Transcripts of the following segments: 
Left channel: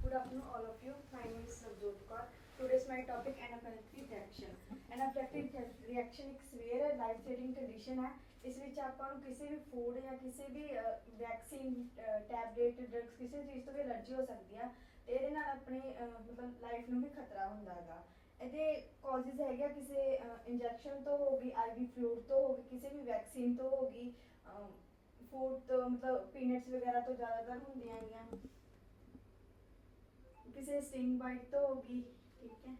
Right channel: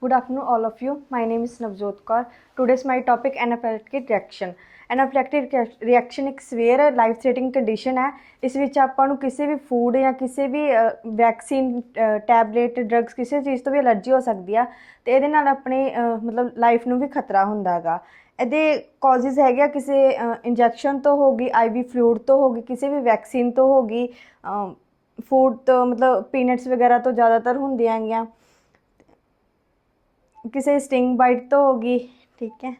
Good afternoon, all of you. My name is Navjot Kaur. Today's my topic anaphylactic reaction. Anaphylactic reaction ਇੱਕ severe life threatening condition ਹੈ। ਇਸ ਵਿੱਚ ਆਪਾਂ ਨੂੰ ਕਿਸੇ ਵੀ ਫੂਡ ਜਾਂ ਕਿਸੇ ਵੀ ਵੈਕਸੀਨ ਟੈਬਲੇਟ ਡਰੱਗਸ ਕਿਸੇ ਚੀਜ਼ ਤੋਂ ਵੀ ਅਲਰਜੀ ਹੋ ਸਕਦੀ ਆ ਅਤੇ ਇਹਦੇ ਨਾਲ ਆਪਣੇ ਮਤਲਬ ਲਾਈਫ ਨੂੰ ਵੀ ਖਤਰਾ ਹੁੰਦਾ ਗਾ। ਇਹਦੇ ਕਾਜ਼ਿਜ਼ ਹੈਗੇ ਆ ਕਿਸੇ ਇੰਜੈਕਸ਼ਨ ਤੋਂ ਹੋ ਗਈ, IV ਫਲੂਇਡ ਤੋਂ ਹੋ ਗਈ, ਕਿਸੇ ਵੀ ਵੈਕਸੀਨ ਤੋਂ ਹੋ ਗਈ, ਫੂਡ ਤੋਂ ਮਤਲਬ ਪੀਨਟਸ ਵਗੈਰਾ ਤੋਂ ਜ਼ਿਆਦਾਤਰ ਹੁੰਦੀਆਂ ਹੈਗੀਆਂ, ਕਿਸੇ ਸਟਿੰਗ ਬਾਈਟ ਤੋਂ ਹੋ ਗਈ। ਠੀਕ ਹੈ,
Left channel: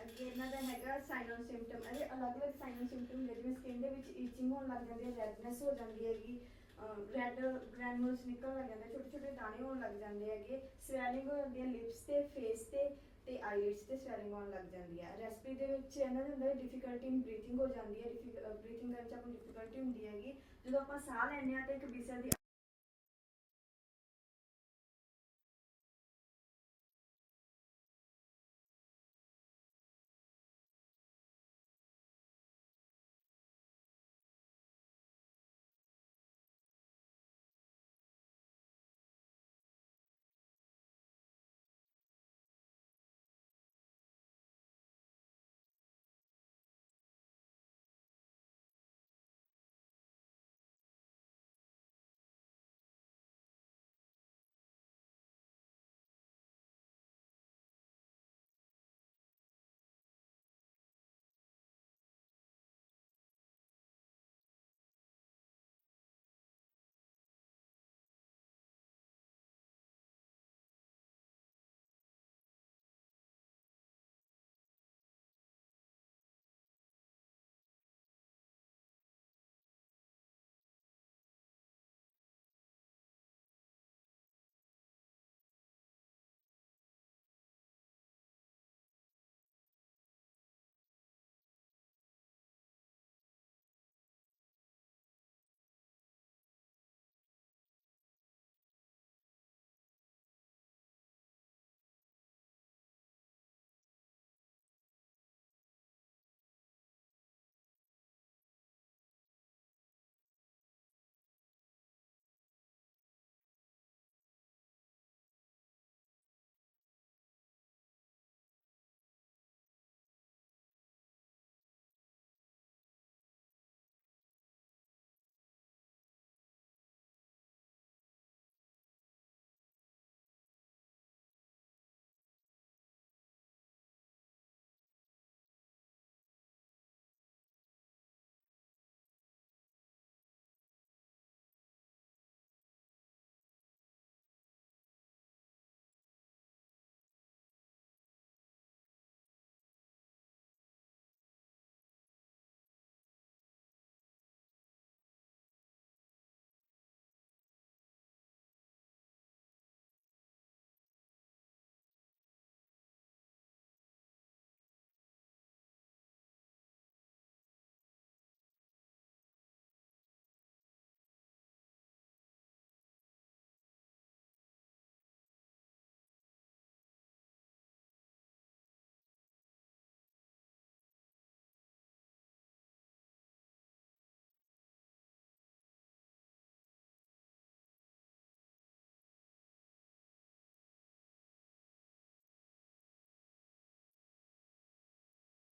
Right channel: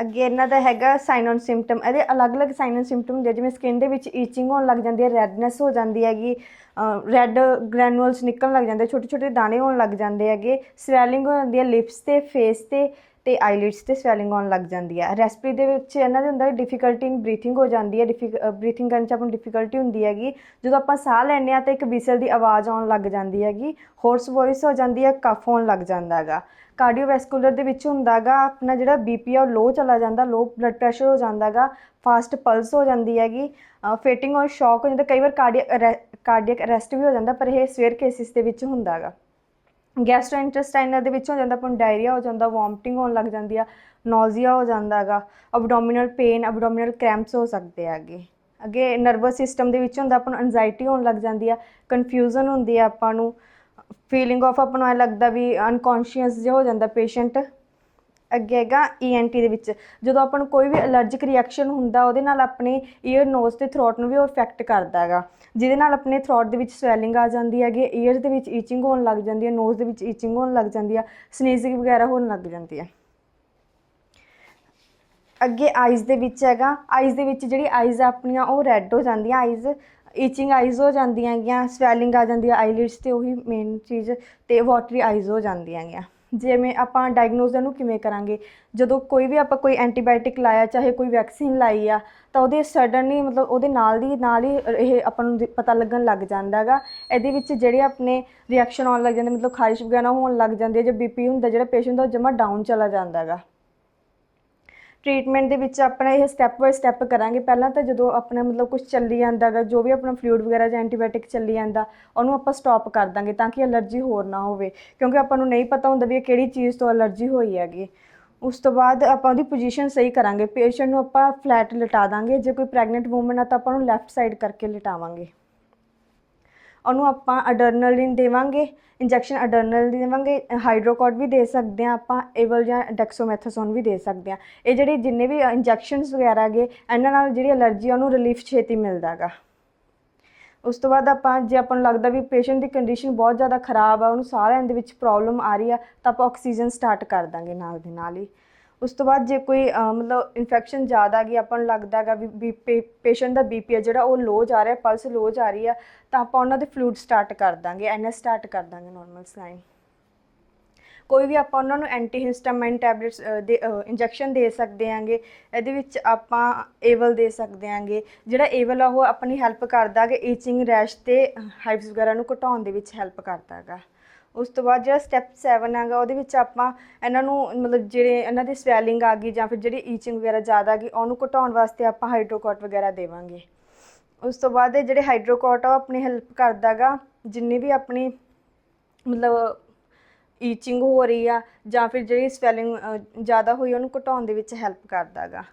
ਅੱਗੇ ਇਹਨਾਂ ਦਾ ਹੈਗਾ ਸਾਈਨ ਔਨ ਸਿੰਪਟਮ। ਇਹਦੇ ਅਲੱਗ-ਅਲੱਗ ਸਾਈਨ ਔਨ ਸਿੰਪਟਮ ਹੁੰਦੇ, ਜਿਵੇਂ ਸਕਿਨ ਦੇ ਵਿੱਚ ਈਚਿੰਗ ਹੋਣ ਲੱਗ ਜਾਂਦੀ ਹੈ, ਰੈਡਨੈਸ ਹੋ ਜਾਂਦੀ ਹੈਗੀ, ਰੈੱਡ ਗ੍ਰੈਨੂਲਸ ਨਿਕਲਣ ਲੱਗ ਜਾਂਦੇ, ਛੋਟੇ ਛੋਟੇ ਦਾਣੇ ਹੋਣ ਲੱਗ ਜਾਂਦੇ ਹੈਗੇ, ਸਵੈਲਿੰਗ ਹੋ ਜਾਂਦੀ ਹੈ ਲਿਪਸ 'ਤੇ, ਫੇਸ 'ਤੇ ਆਈਲਿਡਸ 'ਤੇ ਸਵੈਲਿੰਗ ਹੋਣ ਲੱਗ ਜਾਂਦੀ ਹੈ। ਰੈਸਪੀ ਦੇ ਵਿੱਚ ਇਹਨਾਂ ਦੇ ਹੁੰਦਾ ਡਿਫੀਕਲਟੀ ਇਨ ਬਰੀਥਿੰਗ ਹੋ ਜਾਂਦੀ ਹੈ, ਬਰੀਥਿੰਗ ਕਰਨ 'ਚ ਆਪਾਂ ਨੂੰ ਡਿਫੀਕਲਟੀ ਹੁੰਦੀ ਹੈਗੀ। ਜਦੋਂ ਆਪਾਂ ਸਾਹ ਲੈਂਦੇ ਹਾਂ ਤਾਂ ਇੱਕ ਵਿਸਲ ਦੀ ਆਵਾਜ਼ ਆਉਣ ਲੱਗ ਜਾਂਦੀ ਹੈਗੀ, ਹੋਰਸ ਵੋਇਸ ਹੋ ਜਾਂਦੀ ਹੈ, ਕਫ ਹੋਣ ਲੱਗ ਜਾਂਦਾ ਹੈਗਾ। ਕਾਰਡੀਓਵੈਸਕੂਲਰ ਦੇ ਵਿੱਚ ਹੁੰਦਾ ਗਾ ਆਪਣਾ ਜਿਹੜਾ BP ਆ ਉਹ ਲੋ ਚਲਾ ਜਾਂਦਾ, ਲੋ ਬਲੱਡ ਪ੍ਰੈਸ਼ਰ ਹੋ ਜਾਂਦਾ ਗਾ, ਫਾਸਟ ਪਲਸ ਹੋ ਜਾਂਦੀ ਹੈਗੀ, ਫੇਟਿੰਗ ਔਰ ਸ਼ੌਕ ਹੋ ਜਾਂਦਾ, ਕਈ ਵਾਰ ਕਾਰਡੀਅਕ ਅਰੈਸਟ ਵੀ ਹੋ ਜਾਂਦਾ, ਪਰ ਇਹ ਸਵੇਅਰ ਕੇਸਿਸ ਦੇ ਵਿੱਚ ਹੁੰਦਾ ਗਾ। ਗੈਸਟ੍ਰੋਇੰਟੇਸਟਾਈਨਲ ਦੇ ਵਿੱਚ ਹੋ ਜਾਂਦਾ ਆਪਾਂ ਨੂੰ ਡਾਇਰੀਆ ਹੋ ਜਾਂਦਾ, ਵੋਮਟਿੰਗ ਹੋਣ ਲੱਗ ਜਾਂਦੀ ਆ, ਨੋਜ਼ੀਆ ਹੋ ਜਾਂਦਾ ਗਾ, ਅਬਡੋਮੀਨਲ ਪੇਨ, ਅਬਡੋਮੀਨਲ ਕ੍ਰੈਂਪਸ ਹੋ ਸਕਦੇ ਹੈਗੇ। ਅੱਗੇ ਨਰਵਸ ਸਿਸਟਮ ਦੇ ਵਿੱਚ ਹੁੰਦਾ ਆਪਾਂ ਨੂੰ ਐਨਜ਼ਾਈਟੀ ਹੋਣ ਲੱਗ ਜਾਂਦੀ ਆ, ਕਨਫਿਊਜ਼ਨ ਹੁੰਦੀ ਆ, ਆਪਾਂ ਨੂੰ ਫੀਲਿੰਗ ਆਫ ਆਪਾਂ ਨੂੰ ਐਂ ਲੱਗਦਾ ਵੀ ਅਨਕੌਂਸ਼ੀਅਸ ਜਿਹਾ ਹੋ ਜਾਂਦਾ ਪੇਸ਼ੈਂਟ। ਅੱਗੇ ਹੈਗਾ ENT ਦੇ ਵਿੱਚ, ਜਦੋਂ ਆਪਾਂ ਨੂੰ ਕੋਈ ਵੀ ਅਲਰਜਿਕ ਰਿਐਕਸ਼ਨ ਹੁੰਦਾ ਉਹਦੇ ਨਾਲ ਆਪਣੇ ਈਅਰ, ਨੋਜ਼ ਅਤੇ ਥਰੋਟ ਨੂੰ ਵੀ ਉਹ ਇਫੈਕਟ ਕਰਦਾ ਹੈਗਾ, ਜਿਹਦੇ ਨਾਲ ਆਪਣੇ ਥਰੋਟ ਦੇ ਵਿੱਚ ਸਵੈਲਿੰਗ ਆ ਜਾਂਦੀ ਹੈਗੀ, ਈਅਰ ਦੇ ਵਿੱਚ ਈਚਿੰਗ ਹੋਣ ਲੱਗ ਜਾਂਦੀ ਹੈ, ਨੋਜ਼ ਦੇ ਵਿੱਚ ਈਚਿੰਗ ਹੋਣ ਲੱਗ ਜਾਂਦੀ ਆ, ਸਨੀਜ਼ਿੰਗ ਵਗੈਰਾ ਹੋਣ ਲੱਗ ਜਾਂਦੀ ਹੈ। ਅੱਗੇ ਆਈਜ਼ ਦੇ ਵਿੱਚ ਹੈਗਾ, ਆਈਜ਼ ਦੇ ਵਿੱਚ ਜਿਹੜੀ ਆਈਜ਼ ਆਪਣੀਆਂ ਉਹ ਰੈੱਡ ਹੋ ਜਾਂਦੀਆਂ, ਆਈਜ਼ ਈਚਿੰਗ ਆਈਜ਼ ਹੋ ਜਾਂਦੀਆਂ ਹੈਗੀਆਂ, ਸਵੈਲਿੰਗ ਆ ਜਾਂਦੀ ਹੈ ਆਈਲਿਡਸ 'ਤੇ, ਉਹੀ ਮੇਨ ਚੀਜ਼, ਅਤੇ ਵਾਟਰੀ ਆਈਜ਼ ਹੋ ਜਾਂਦੀਆਂ ਹੈਗੀਆਂ। ਜਿਵੇਂ ਆਪਾਂ ਡਾਇਗਨੋਜ਼ ਇਹਨੂੰ ਕਿਵੇਂ ਕਰਾਂਗੇ, ਜਦੋਂ ਕੋਈ ਵੀ ਆਪਾਂ ਕੋਈ ਐਂਟੀਬਾਇਓਟਿਕ ਲਾਇਆ, ਚਾਹੇ ਕੋਈ ਵੈਕਸੀਨ ਲਾਈ ਆ, ਤਾਂ ਉਹਦੇ ਸਡਨਲੀ ਮਤਲਬ ਉਹਦੇ ਨਾਲ ਹੀ ਇਹ ਆਪਾਂ ਨੂੰ ਪਤਾ ਲੱਗਣ ਲੱਗ ਜਾਂਦਾ ਹੈਗਾ। ਇਹਦੇ ਵਿੱਚ ਜਿਹੜੇ ਆਪਣੇ ਰਿਐਕਸ਼ਨ ਆਉਣ ਲੱਗ ਜਾਂਦੇ, ਮਤਲਬ ਖਾਰਿਸ਼ ਵਗੈਰਾ ਹੋਣ ਲੱਗ ਜਾਂਦੀ ਹੈ, ਜੇ BP ਹੁੰਦਾ ਜਿਹੜਾ ਪੇਸ਼ੈਂਟ ਦਾ ਉਹ ਜਮਾ ਡਾਊਨ ਚਲਾ ਜਾਂਦਾ ਹੈਗਾ। ਟ੍ਰੀਟਮੈਂਟ ਦੇ ਵਿੱਚ ਆਪਣਾ ਇਹ ਸਟੈਪ ਬਾਏ ਸਟੈਪ ਕਰਾਂਗੇ। ਪਹਿਲਾਂ ਤਾਂ ਜਦੋਂ ਆਪਣਾ ਮਤਲਬ ਕੁਛ ਚੱਲੀ ਜਾਂਦਾ ਗਾ, ਜੋ ਵੀ ਆਪਣਾ ਫਲੂਇਡ ਵਗੈਰਾ ਜਾਂ ਐਂਟੀਬਾਇਓਟਿਕ ਚੱਲੀ ਜਾਂਦਾ, ਉਹਨੂੰ ਆਪਾਂ ਸਟੋਪ ਕਰ ਦਾਂਗੇ ਤਾਂ ਕਿ ਅਲਰਜੀ ਹੋਰ ਨਾ ਹੋਵੇ, ਕਿਉਂਕਿ ਆਪਾਂ ਨੂੰ ਨਹੀਂ ਪਤਾ ਹੁੰਦਾ ਵੀ ਇਹ ਕਿਹੜੀ ਚੀਜ਼ ਤੋਂ ਅਲਰਜੀ ਹੋਈ ਹੈਗੀ। ਉਸ ਤੋਂ ਬਾਅਦ ਆਪਾਂ ਉਹਦੀ ਪੋਜੀਸ਼ਨ ਸਹੀ ਕਰਾਂਗੇ, ਪੇਸ਼ੈਂਟ ਨੂੰ ਆਪਾਂ ਫਲੈਟ ਲਿਟਾ ਦਾਂਗੇ, ਜੇ ਕੋਈ ਪ੍ਰੈਗਨੈਂਟ ਵੂਮਨ ਆ ਤਾਂ ਆਪਾਂ ਉਹਨੂੰ ਲੈਫਟ ਸਾਈਡ ਕਰਕੇ ਲਿਟਾਵਾਂਗੇ। ਉਹਨੂੰ ਆਪਾਂ ਅਡਰਨਲਿਨ ਦੇਵਾਂਗੇ, ਇੰਜੈਕਸ਼ਨ ਅਡਰਨਲਿਨ ਦੇਵਾਂਗੇ, ਹਾਈਡਰੋਕੋਟ ਵੀ ਦੇ ਸਕਦੇ ਹਾਂ ਆਪਾਂ, ਏਵਲ ਜਾਂ ਡੈਕਸੋਮੈਥਾਸੋਨ ਵੀ ਦੇ ਸਕਦੇ ਹਾਂ। ਇਹ ਜਿਹੜੇ ਜਿੰਨੇ ਵੀ ਇੰਜੈਕਸ਼ਨਸ ਵਗੈਰਾ ਹੈਗੇ, ਇਹਨਾਂ ਨਾਲ ਜਿਹੜੀ ਅਲਰਜੀ ਆ ਉਹਨੂੰ ਰਿਲੀਫ ਛੇਤੀ ਮਿਲਦਾ ਗਾ। ਉਸ ਤੋਂ ਬਾਅਦ ਆਪਾਂ ਜੇ ਆਪਾਂ ਨੂੰ ਲੱਗਦਾ ਵੀ ਪੇਸ਼ੈਂਟ ਦੀ ਕੰਡੀਸ਼ਨ ਬਹੁਤ ਜ਼ਿਆਦਾ ਖ਼ਰਾਬ ਆ, ਉਹਨੂੰ ਸਾਹ ਲੈਣ ਦੇ ਵਿੱਚ ਪ੍ਰੋਬਲਮ ਆ ਰਹੀ ਆ, ਤਾਂ ਆਪਾਂ ਆਕਸੀਜਨ ਸਟਾਰਟ ਕਰ ਦਾਂਗੇ ਨਾਲ ਦੀ ਨਾਲ ਹੀ। ਉਸ ਤੋਂ ਬਾਅਦ ਜੇ ਕੋਈ ਮਤਲਬ ਇਨਫੈਕਸ਼ਨ ਜ਼ਿਆਦਾ ਗਈ, ਆਪਾਂ ਨੂੰ ਲੱਗਦਾ ਹੈਗਾ ਵੀ ਪੇਸ਼ੈਂਟ ਦਾ BP ਹੈ ਜਿਹੜਾ ਉਹ ਲੋ ਜਾ ਰਿਹਾ, ਪਲਸ ਲੋ ਜਾ ਰਹੀ ਆ, ਤਾਂ ਆਪਾਂ ਉਹਨਾਂ ਦੇ ਫਲੂਇਡ ਸਟਾਰਟ ਕਰ ਦਾਂਗੇ, NS ਸਟਾਰਟ ਕਰ ਦਾਂਗੇ, ਨੋਰਮਲ ਸਲਾਈਨ। ਕੋਈ ਵੀ ਆਪਾਂ ਉਹਨਾਂ ਨੂੰ ਐਂਟੀਹਿਸਟਾਮਾਈਨ ਟੈਬਲੇਟਸ ਦੇ ਇੰਜੈਕਸ਼ਨ ਦੇ ਸਕਦੇ ਆਂਗੇ। ਇਹਦੇ ਵਿੱਚ ਆਪਾਂ ਏਵਲ ਦੇ ਸਕਦੇ ਆਂਗੇ। ਜਿਹੜਾ ਏਵਲ ਆ ਉਹ ਆਪਣੀ ਹੈਲਪ ਕਰਦਾ ਕਿ ਈਚਿੰਗ, ਰੈਸ਼ ਅਤੇ ਹਾਈਵਸ ਵਗੈਰਾ ਨੂੰ ਘਟਾਉਣ ਦੇ ਵਿੱਚ ਹੈਲਪ ਕਰਦਾ ਹੈਗਾ। ਉਸ ਤੋਂ ਬਾਅਦ ਜਿਹੜਾ ਸਟੈਪ 7 ਹੈਗਾ, ਉਹਦੇ ਵਿੱਚ ਆਪਾਂ ਇਹਨਾਂ ਨੂੰ ਮਤਲਬ ਜਿਹੜੇ ਇਹਨਾਂ ਦੀ ਸਵੈਲਿੰਗ ਆ ਗਈ ਜਾਂ ਫਿਰ ਜਿਹੜੀ ਈਚਿੰਗ ਵਗੈਰਾ ਜ਼ਿਆਦਾ ਆ ਗਈ, ਉਹਨੂੰ ਘਟਾਉਣ ਵਾਸਤੇ ਆਪਾਂ ਹਾਈਡਰੋਕੋਟ ਵਗੈਰਾ ਦੇਵਾਂਗੇ। ਉਸ ਤੋਂ ਬਾਅਦ ਜਿਹੜੇ ਹਾਈਡਰੋਕੋਟ ਆ ਉਹ ਆਪਣੀ ਹੈਲਪ ਕਰਦਾ ਗਾ, ਜਿੰਨੀ ਵੀ ਆਪਣੀ ਮਤਲਬ ਈਚਿੰਗ ਹੋ ਰਹੀ ਆ ਜਾਂ ਫਿਰ ਜਿਹੜੀ ਸਵੈਲਿੰਗ ਜ਼ਿਆਦਾ ਹੋਈ ਉਹਨੂੰ ਘਟਾਉਣ ਦੇ ਵਿੱਚ ਹੈਲਪ ਕਰਦਾ ਗਾ।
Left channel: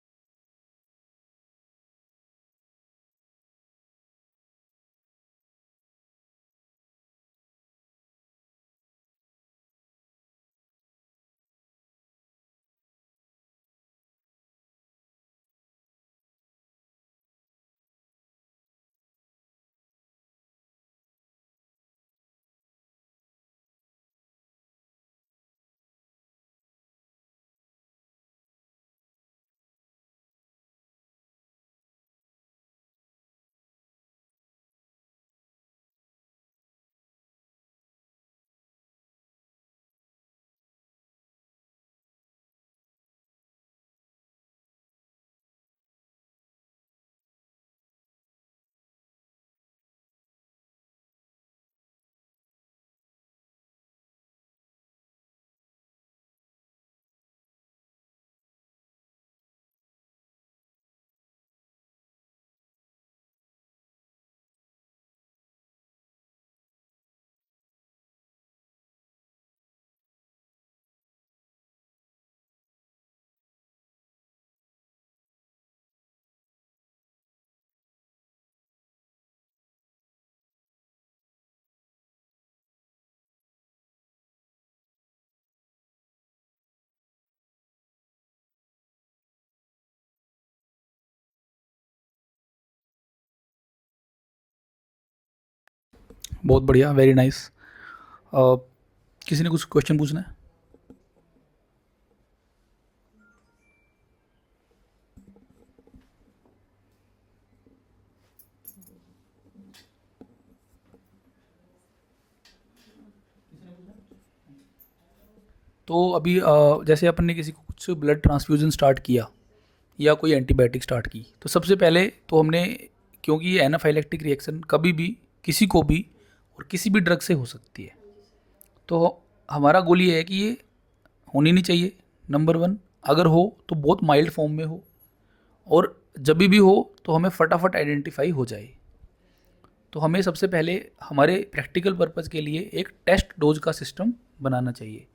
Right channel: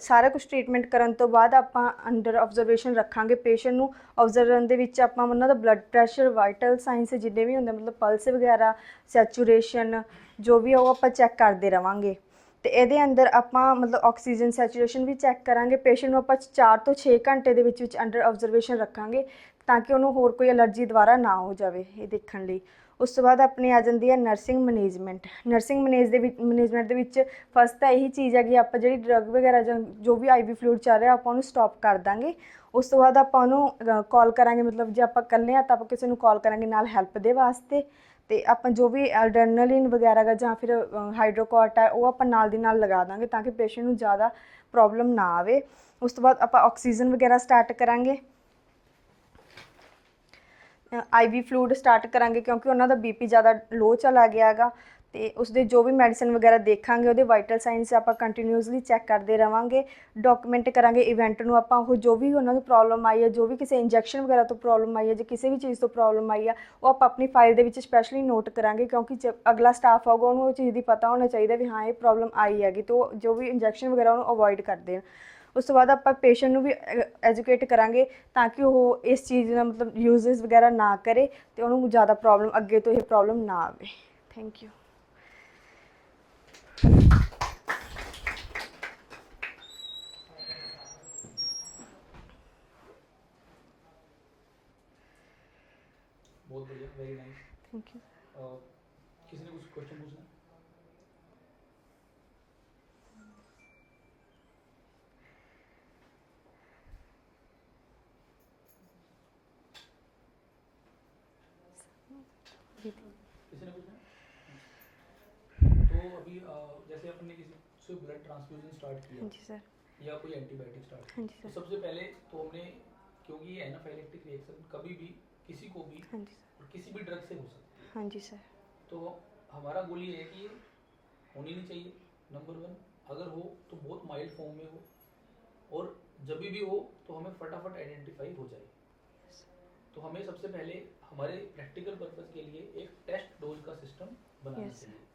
ਸਾਰਾ ਕੁਛ ਟਰੀਟਮੈਂਟ ਕਰਨ ਤੋਂ ਬਾਅਦ ਆਪਾਂ ਅੰਡਰ ਆਬਜ਼ਰਵੇਸ਼ਨ ਰੱਖਾਂਗੇ ਪੇਸ਼ੈਂਟ ਨੂੰ। ਆਬਜ਼ਰਵਨ ਦੇ ਵਿੱਚ ਆਪਾਂ ਉਹਨਾਂ ਦਾ ਬਲੱਡ ਪ੍ਰੈਸ਼ਰ, ਵਾਈਟਲ ਸਾਇੰਸ ਜਿੰਨੇ ਵੀ ਹੁੰਦੇ, ਮਤਲਬ ਪਲਸ ਵਗੈਰਾ, ਸੈਚੂਰੇਸ਼ਨ ਜੋ ਵੀ ਆ ਉਹ ਆਪਾਂ ਚੈੱਕ ਕਰਦੇ ਰਵਾਂਗੇ। ਅਤੇ ਇਹਦੇ ਅੰਦਰ ਆਪਾਂ ਮਤਲਬ ਆਕਸੀਜਨ ਸੈਚੂਰੇਸ਼ਨ ਵੀ ਚੈੱਕ ਕਰਾਂਗੇ। ਪੇਸ਼ੈਂਟ ਨੂੰ ਆਪਾਂ 4 ਤੋਂ 6 ਘੰਟੇ ਦੇ ਵਿੱਚ ਅੰਡਰ ਆਬਜ਼ਰਵੇਸ਼ਨ ਰੱਖਾਂਗੇ ਤਾਂ ਕਿ ਉਹਨੂੰ ਹੋਰ ਕੋਈ ਐਲਰਜੀ ਦੁਬਾਰਾ ਨਾ ਹੋ ਜਾਵੇ, ਇਹ ਦੇਖਣ ਲਈ। ਉਸ ਤੋਂ ਬਾਅਦ ਆਪਣੀ ਆ ਜਾਂਦੀ ਹੈ ਨਰਸਿੰਗ ਮੈਨੇਜਮੈਂਟ। ਨਰਸਿੰਗ ਮੈਨੇਜਮੈਂਟ ਦੇ ਵਿੱਚ ਫਸਟ ਤਾਂ ਇਹੀ ਚੀਜ਼ ਹੈ ਕਿ ਆਪਾਂ ਜਿਹੜੀ ਡਰੱਗ ਵਗੈਰਾ ਜਾਂ ਜੋ ਵੀ IV ਫਲੂਇਡ ਚੱਲ ਰਿਹਾ ਆਪਾਂ ਉਹਨੂੰ ਸਟੋਪ ਕਰ ਦਾਂਗੇ। ਉਸ ਤੋਂ ਬਾਅਦ ਆਪਾਂ ਉਹਨੂੰ ਕਾਲ ਕਰਾਂਗੇ, ਮਤਲਬ ਜੇ ਆਪਾਂ ਇਕੱਲੇ ਹਾਂ ਤਾਂ ਆਪਾਂ ਕਿਸੇ ਨੂੰ ਕਾਲ ਕਰਾਂਗੇ ਨਾਲ ਹੈਲਪ ਦੇ ਵਾਸਤੇ। ਅਤੇ ਆਪਾਂ ਜੋ ਵੀ ਅਡਰਨਲਿਨ ਵਗੈਰਾ ਗਾ ਜਾਂ ਫਿਰ ਹਾਈਡਰੋਕੋਟ ਹੈ ਉਹ ਆਪਾਂ ਨਾਲ ਦੀ ਨਾਲ ਲਗਾ ਦਾਂਗੇ ਤਾਂ ਕਿ ਪੇਸ਼ੈਂਟ ਨੂੰ ਜ਼ਿਆਦਾ ਪ੍ਰੋਬਲਮ ਨਾ ਆਵੇ। ਉਸ ਤੋਂ ਬਾਅਦ ਆਪਾਂ ਆਕਸੀਜਨ ਵਗੈਰਾ ਸਟਾਰਟ ਕਰਾਂਗੇ, IV ਫਲੂਇਡ ਸਟਾਰਟ ਕਰਾਂਗੇ ਕਿਉਂਕਿ ਉਹਨਾਂ ਦਾ BP ਜ਼ਿਆਦਾ ਲੋ ਚਲਾ ਗਿਆ ਹੈਗਾ। ਤੇ ਉਸਦੇ ਜੋ ਵੀ ਮੈਡੀਸਨ ਵਗੈਰਾ ਦੇਖਾਂਗੇ ਉਹਦੇ ਵਾਈਟਲ ਸਾਈਨਸ ਆਪਾਂ ਕੰਟੀਨਿਊਸਲੀ ਚੈੱਕ ਕਰਦੇ ਰਵਾਂਗੇ, ਡਾਕੂਮੈਂਟ ਕਰਾਂਗੇ ਇਵੈਂਟ ਨੂੰ, ਆਪਾਂ ਉਹ ਜੋ ਵੀ ਉਹਨਾਂ ਨੂੰ ਪ੍ਰੋਬਲਮ ਆਈ ਹੈ, ਜੋ ਵੀ ਕਿਸੇ ਇੰਜੈਕਸ਼ਨ ਵਗੈਰਾ ਤੋਂ ਪ੍ਰੋਬਲਮ ਆਈ ਹੈ ਜਾਂ ਕਿਸੇ ਵੀ ਚੀਜ਼ ਤੋਂ ਪ੍ਰੋਬਲਮ ਆਈ ਆ, ਉਹ ਆਪਾਂ ਆਪਣੀ ਫਾਈਲ ਦੇ ਵਿੱਚ ਸਪੈਸ਼ਲੀ ਨੋਟ ਕਰਾਂਗੇ, ਕਿਉਂਕਿ ਅਗਲਾ ਸਟਾਫ ਆਊਗਾ ਉਹਨੂੰ ਉਹ ਚੀਜ਼ ਦੀ ਪਤਾ ਹੋਣਾ ਚਾਹੀਦਾ ਵੀ ਹਾਂ ਇਹ ਪ੍ਰੋਬਲਮ ਆਈ ਹੈਗੀ, ਤਾਂ ਜੋ ਵੀ ਇੰਜੈਕਸ਼ਨ ਵਗੈਰਾ ਉਹਨੂੰ ਅਵੋਇਡ ਕਰਦੇ ਆ। ਉਸ ਤੋਂ ਬਾਅਦ ਆਪਾਂ ਪੇਸ਼ੈਂਟ ਨੂੰ ਵੀ ਐਜੂਕੇਟ ਕਰਾਂਗੇ ਤਾਂ ਕਿ ਉਹ ਇਸ ਚੀਜ਼ ਦਾ ਮਤਲਬ ਯੂਜ਼ਸ ਵਗੈਰਾ ਨਾ ਕਰੇ ਤੇ ਉਹਨੂੰ ਜ਼ਿਆਦਾ ਪ੍ਰੋਬਲਮ ਅੱਗੇ ਤੋਂ ਇਹ ਪ੍ਰੋਬਲਮ ਨਾ ਆਵੇ। Thank you. बहुत बढ़िया, वेरी नाइस। किसी ने कुछ क्वेश्चन पूछना है? तो अभी जैसे अपन ने किसी को कुछ ब्लड ट्रांसफ्यूजन स्टार्ट किया या कोई एंटीबायोटिक स्टार्ट की, तो सबसे पहले तो हमने, क्योंकि ये एनाफाइलेक्टिक रिएक्शन कभी भी किसी को भी और किसी भी ड्रग से हो सकती है, हाँ जी सर। तो हमारा गोल ये है कि ये होनी नहीं चाहिए, नंबर 1। अगर हो तो बहुत माइल्ड फॉर्म में हो, और जब भी हो तो हमें फटाफट आइडेंटिफाई हो जाए। तो हमें सबसे पहले हमारे प्रैक्टिकल पर्पज़ के लिए एक टेस्ट डोज का सिस्टम बनाना चाहिए।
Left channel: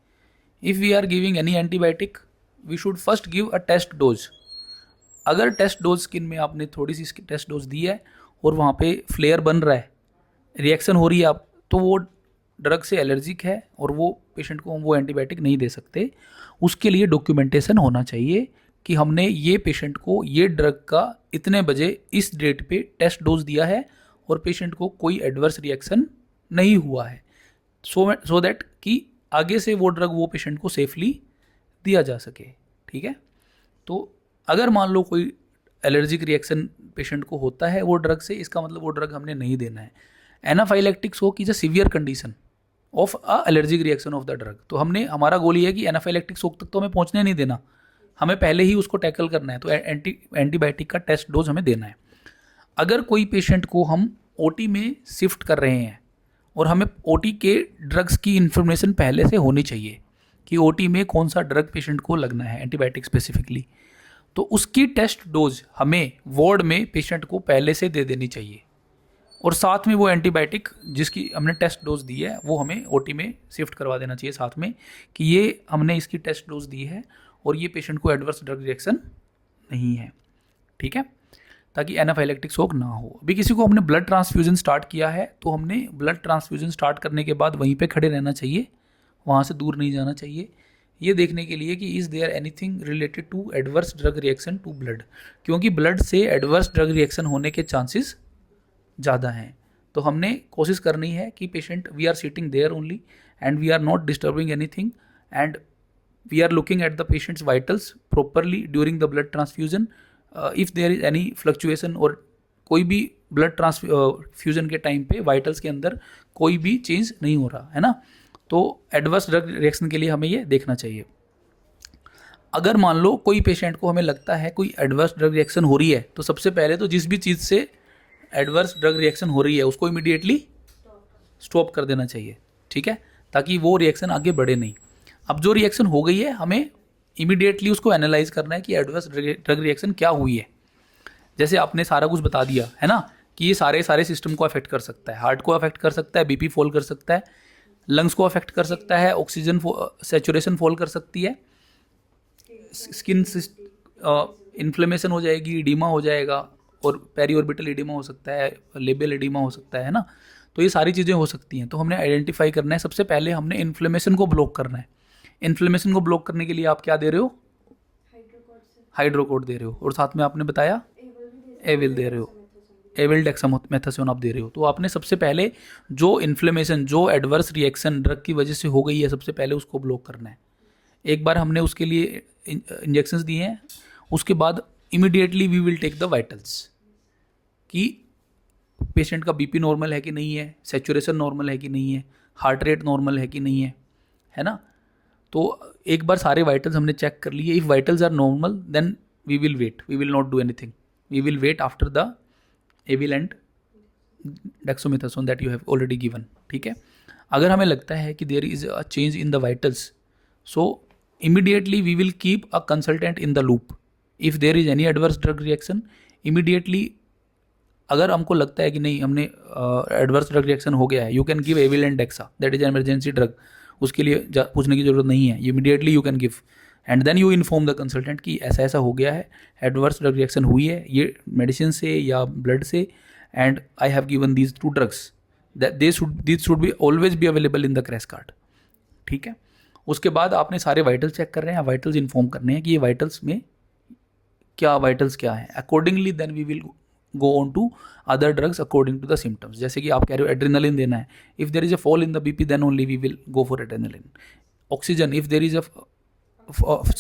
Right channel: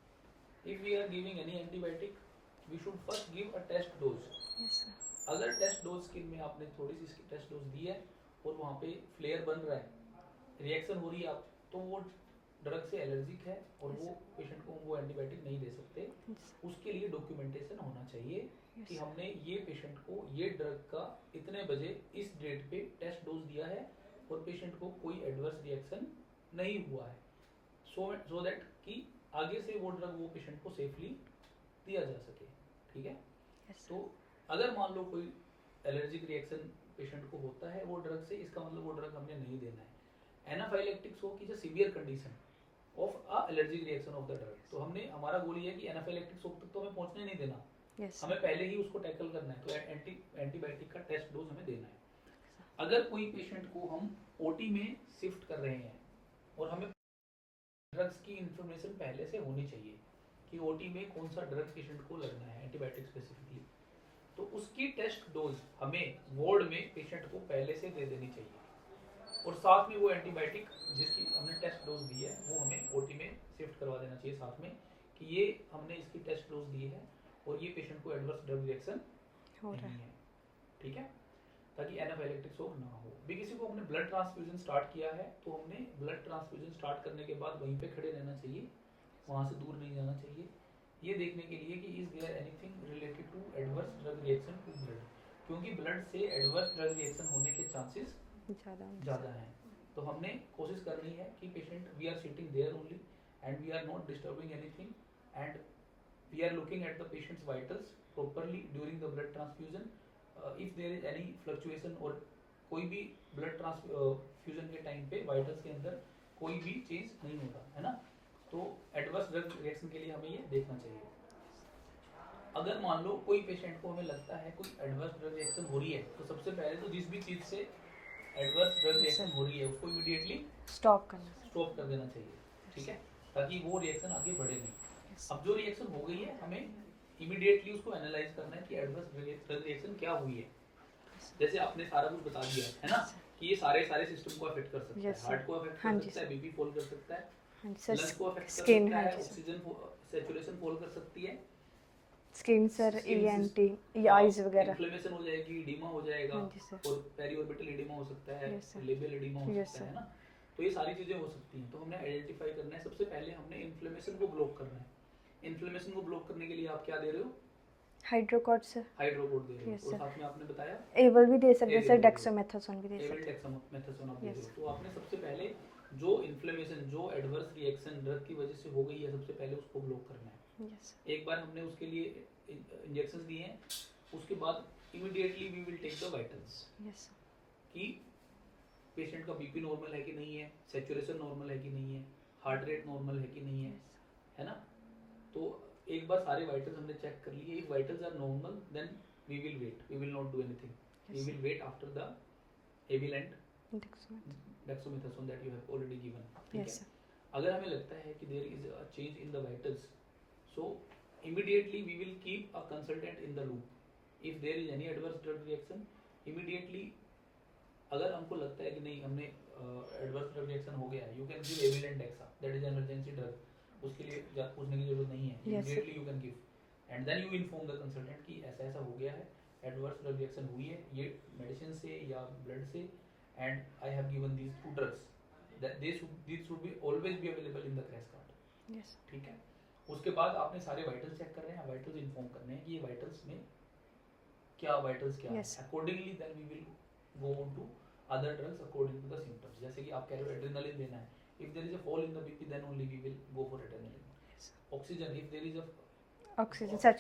If we are giving any antibiotic, we should first give a test dose. अगर टेस्ट डोज स्किन में आपने थोड़ी सी टेस्ट डोज दी है और वहाँ पे फ्लेयर बन रहा है, रिएक्शन हो रही है, आप तो वो ड्रग से एलर्जिक है और वो पेशेंट को हम वो एंटीबायोटिक नहीं दे सकते। उसके लिए डॉक्यूमेंटेशन होना चाहिए कि हमने ये पेशेंट को ये ड्रग का इतने बजे इस डेट पे टेस्ट डोज दिया है और पेशेंट को कोई एडवर्स रिएक्शन नहीं हुआ है, सो दैट कि आगे से वो ड्रग वो पेशेंट को सेफली दिया जा सके। ठीक है। तो अगर मान लो कोई एलर्जिक रिएक्शन पेशेंट को होता है वो ड्रग से, इसका मतलब वो ड्रग हमने नहीं देना है। Anaphylactic shock is a severe condition of a allergic reaction of the drug. तो हमने, हमारा गोल ये है कि एनाफाइलेक्टिक शॉक तक तो हमें पहुंचने नहीं देना, हमें पहले ही उसको टैकल करना है। तो एंटीबायोटिक का टेस्ट डोज हमें देना है। अगर कोई पेशेंट को हम ओटी में शिफ्ट कर रहे हैं और हमें ओटी के ड्रग्स की इन्फॉर्मेशन पहले से होनी चाहिए कि ओटी में कौन सा ड्रग पेशेंट को लगना है, एंटीबायोटिक स्पेसिफिकली, तो उसकी टेस्ट डोज हमें वार्ड में पेशेंट को पहले से दे देनी चाहिए। और साथ में वो एंटीबायोटिक जिसकी हमने टेस्ट डोज दी है वो हमें ओटी में शिफ्ट करवा देना चाहिए साथ में, कि ये हमने इसकी टेस्ट डोज दी है और ये पेशेंट को एडवर्स ड्रग रिएक्शन नहीं है। ठीक है, ताकि एनाफाइलेक्टिक शॉक ना हो। अभी किसी को हमने ब्लड ट्रांसफ्यूजन स्टार्ट किया है तो हमने ब्लड ट्रांसफ्यूजन स्टार्ट करने के बाद वहीं पे खड़े रहना चाहिए, वहाँ से दूर नहीं जाना चाहिए, ये देखने के लिए कि is there anything related to adverse drug reaction to blood, क्योंकि ब्लड से एडवर्स ड्रग रिएक्शन होने के चांसेस ज़्यादा हैं। तो हमने कोशिश करनी है कि patient, we are sitting there only and we are not disturbing anything and we are looking at the patient's vitals properly during the blood transfusion. If there is any fluctuation और कोई भी ब्लड ट्रांसफ्यूजन के time पे vitals के अंदर कोई भी चेंज नहीं हो रहा है ना, तो एडवर्स ड्रग रिएक्शन के लिए हमें ये देखना चाहिए। अगर मान लो कोई पेशेंट को हमें लगता है कोई एडवर्स ड्रग रिएक्शन हो रही है, तो सबसे पहले तो जिस भी चीज़ से एडवर्स ड्रग रिएक्शन हो रही है उसको इमीडिएटली स्टॉप कर देना चाहिए। ठीक है, ताकि वो रिएक्शन आगे बढ़े नहीं। अब जो रिएक्शन हो गई है हमें इमीडिएटली उसको एनालाइज करना है कि एडवर्स ड्रग रिएक्शन क्या हुई है। जैसे आपने सारा कुछ बता दिया है ना कि ये सारे सिस्टम को अफेक्ट कर सकता है, हार्ट को अफेक्ट कर सकता है, बीपी फॉल कर सकता है, लंग्स को अफेक्ट कर सकता है, ऑक्सीजन सैचुरेशन फॉल कर सकती है, स्किन इन्फ्लेमेशन हो जाएगी, इडीमा हो जाएगा और पेरीऑर्बिटल इडीमा हो सकता है, लेबियल इडीमा हो सकता है ना। तो ये सारी चीज़ें हो सकती हैं। तो हमने आइडेंटिफाई करना है, सबसे पहले हमने इन्फ्लेमेशन को ब्लॉक करना है। इन्फ्लेमेशन को ब्लॉक करने के लिए आप क्या दे रहे हो? हाइड्रोकोड दे रहे हो और साथ में आपने बताया एविल भी दे सकते हैं, एविल दे रहे हो, एविल डेक्सामेथासोन आप दे रहे हो। तो आपने सबसे पहले जो इन्फ्लेमेशन, जो एडवर्स रिएक्शन ड्रग की वजह से हो गई है, सबसे पहले उसको ब्लॉक करना है। एक बार हमने उसके लिए इंजेक्शंस दिए हैं, उसके बाद immediately we will take the vitals कि पेशेंट का बीपी नॉर्मल है कि नहीं है, सैचुरेशन नॉर्मल है कि नहीं है, हार्ट रेट नॉर्मल है कि नहीं है ना। तो एक बार सारे वाइटल्स हमने चेक कर लिए। If vitals are normal then we will wait, we will not do anything, we will wait after the Avil and dexamethasone that you have already given. ठीक है, अगर हमें लगता है कि there is a change in the vitals, so immediately we will keep a consultant in the loop. If there is any adverse drug reaction, immediately अगर हमको लगता है कि नहीं हमने एडवर्स ड्रग रिएक्शन हो गया है, you can give Avil and dexa, that is emergency drug. उसके लिए पूछने की जरूरत नहीं है, immediately you can give. And then you inform the consultant कि ऐसा ऐसा हो गया है, एडवर्स ड्रग रिएक्शन हुई है ये मेडिसिन से या ब्लड से, and I have given these 2 drugs, that this should be always be available in the crash card. ठीक है. उसके बाद आपने सारे वाइटल्स चेक कर रहे हैं, वाइटल्स इन्फॉर्म करने हैं कि ये वाइटल्स में क्या वाइटल्स क्या है. Accordingly then we will go on to other drugs according to the symptoms. जैसे कि आप कह रहे हो एड्रेनालिन देना है, if there is a fall in the BP then only we will go for adrenaline. Oxygen, if there is a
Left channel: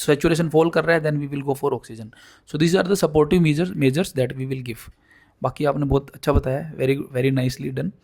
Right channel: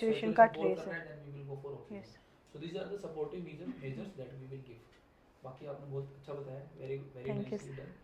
saturation fall कर रहा है then we will go for oxygen. So these are the supportive measures that we will give. बाकी आपने बहुत अच्छा बताया, very very nicely done.